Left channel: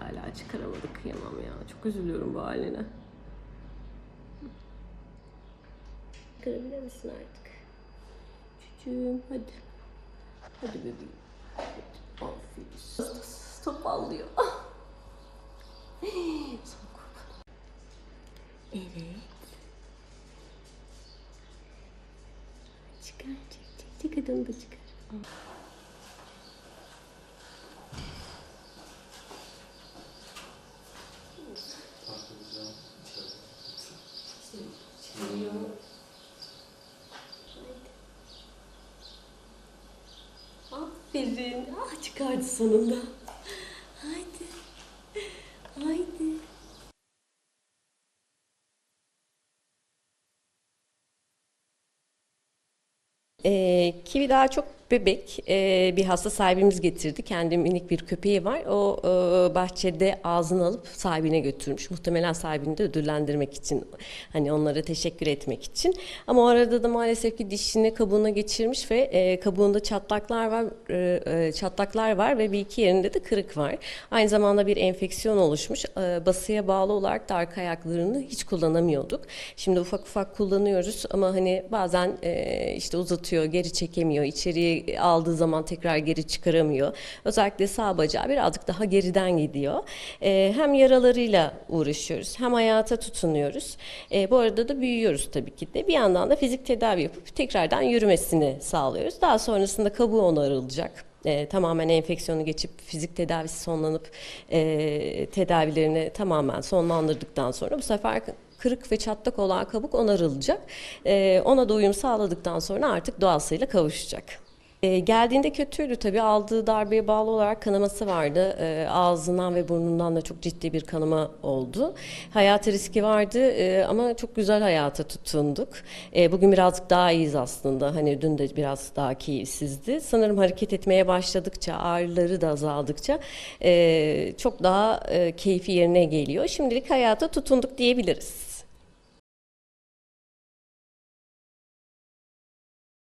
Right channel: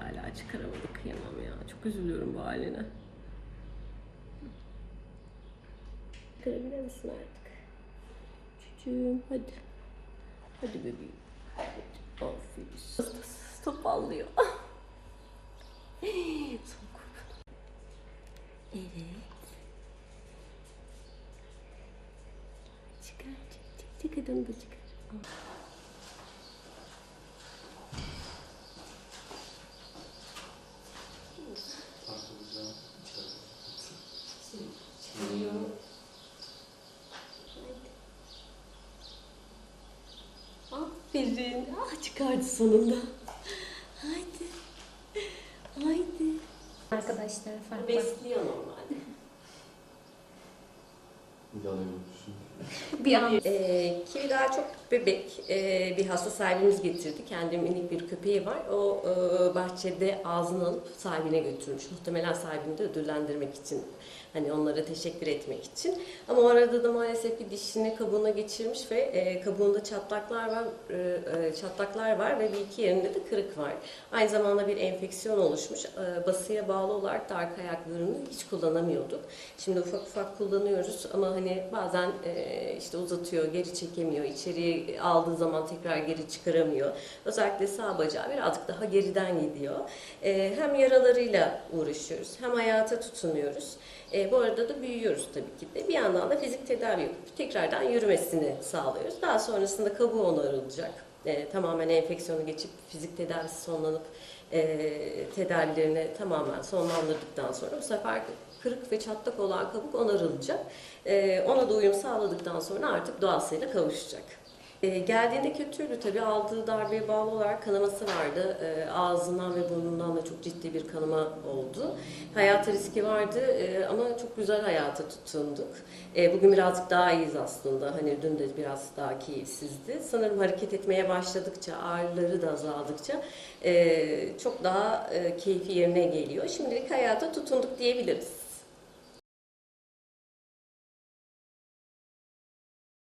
hala çıkaramadı kıyamam ya. Çok üzülüyorum bu haline. Kırabilir misin artık? Çocuğum hadi. Hadi bebeğim. Hadi. Aferin. Topallıyor. Son kurban. Evet. Çıkar çık çık çık da çıkar. Takılacağım. Haydi. Aferin. Ah çıkardı sonunda. Haydi. Haydi. Arkadaşları farklı. Besliyor normalde. Bir an Ee, Kivi daha çok bebek. Ee, bir hasta sahibimiz getirdi. Kendi minik bir köpeği var. O e, bahçede ağzını alıp sahibine götürmüş. Muhtemelen sahibini de ödüllendirmek için. Hani onlara teşekkür etmek için. Ama o arada da maalesef ki dişini kabuğuna geçirmiş ve e, kabuğunda çatlaklar var. e, e, çatlaklar var ve bir iki yerinde de kırık var. Aynı zamanda bir enfeksiyon oluşmuş. E, basıya bağlı olarak da arka ayaklarını hiç kullanamıyorduk. Şimdi ufak ufak kullanıyoruz ama hani bazen e, işte uzatıyor, geri çekemiyor. İçeriye aldığı zaman tekrar geri çıkaramıyor. Özellikle sağ bacağı birazcık daha geriden gidiyor. E, hem yaralarıyla uğraşıyoruz hem hayata tutunuyoruz. E, bu arada da büyüyoruz tabii ki de. Bir yandan da fizik tedavi yapıp tekrardan yürümesini sağlıyoruz. Daha sonrasında kabuğu onarılacak. E, tamamen enfeksiyonu geçip fizik tedavisi sonlanıp e, tedavilerini tamamen sonlandırdıktan sonra bu sefer kırık ve çatlak olan kabuk onarılacak. E, ona da uyum sağladıktan sonra artık doğasıyla kavuşacak. E, geldiğinde kötüydü tabii aldığı darbeye bağlı olarak kanaması vardı. E, ağzından ve burnundan da çok ciddi bir kanama oldu. Hayata riski vardı e, ama çok güzel hayata tutunduk. E, bugün birazcık daha iyiyiz aslında. Hani dün de biraz daha keyifsizdi. Sanırım hareket etmeye başladıkça, ağrıları da azaldıkça e, çok daha e, keyfi yerine geliyor. Şimdilik hayata tutunduk diyebiliriz.